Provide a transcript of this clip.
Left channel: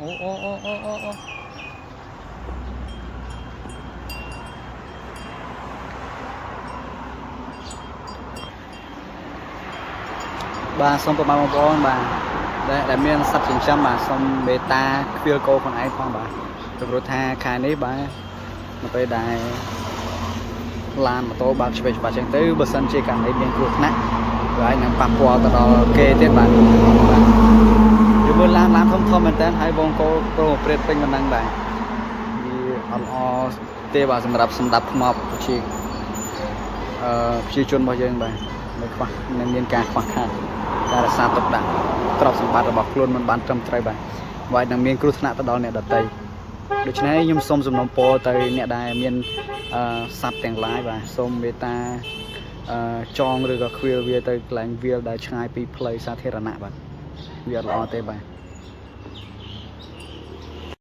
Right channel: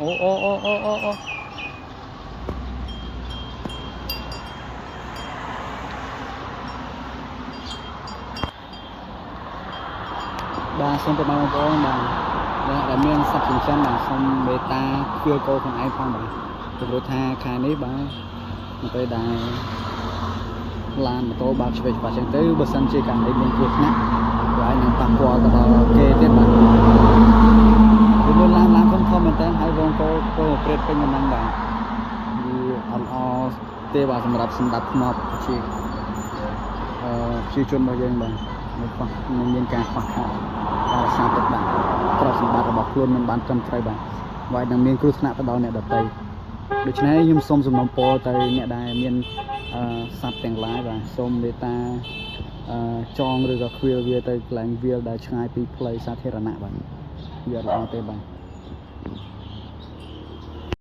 អូបាទសូមប្រមាណបងប្អូនបាទដែលមានសត្វចិញ្ចឹមបាទសូមមេត្តាខ្វៀលគោខ្លួនឯងផងបាទពីព្រោះថាខែនេះបាទនៅពេលដែលឡានម៉ូតូបើកឆ្វេងច្បាស់ចឹងទៅបើសិនជាករណីមានគ្រោះថ្នាក់វាអាចនឹងប៉ះពាល់ទៅដល់គេទៀតបាទវាមើលឡានធំមែនតើហើយវងគោព្រាតពេញមិនដឹងដែរវាអត់ល្អទេបាទសម្រាប់សម្ដាប់ថ្មប្រជាប្រជាជនរបស់យើងបាទមិនខ្វះនឹងមានការខ្វះខាតការរក្សាទុកដាក់ទ្រព្យសម្បត្តិរបស់ខ្លួនមិនបានត្រឹមត្រូវបាទវាអាចនឹងមានគ្រោះថ្នាក់ទៅដល់អ្នកដទៃដូច្នេះខ្ញុំសូមសំណូមពរទៅអ្នកដែលមានសត្វទាំងឡាយបាទសូមមេត្តាចងឬក៏ខ្វៀលវាទៅកន្លែងវាលដែលឆ្ងាយពីផ្លូវសាធារណៈបាទវាអត់ល្អទេបាទ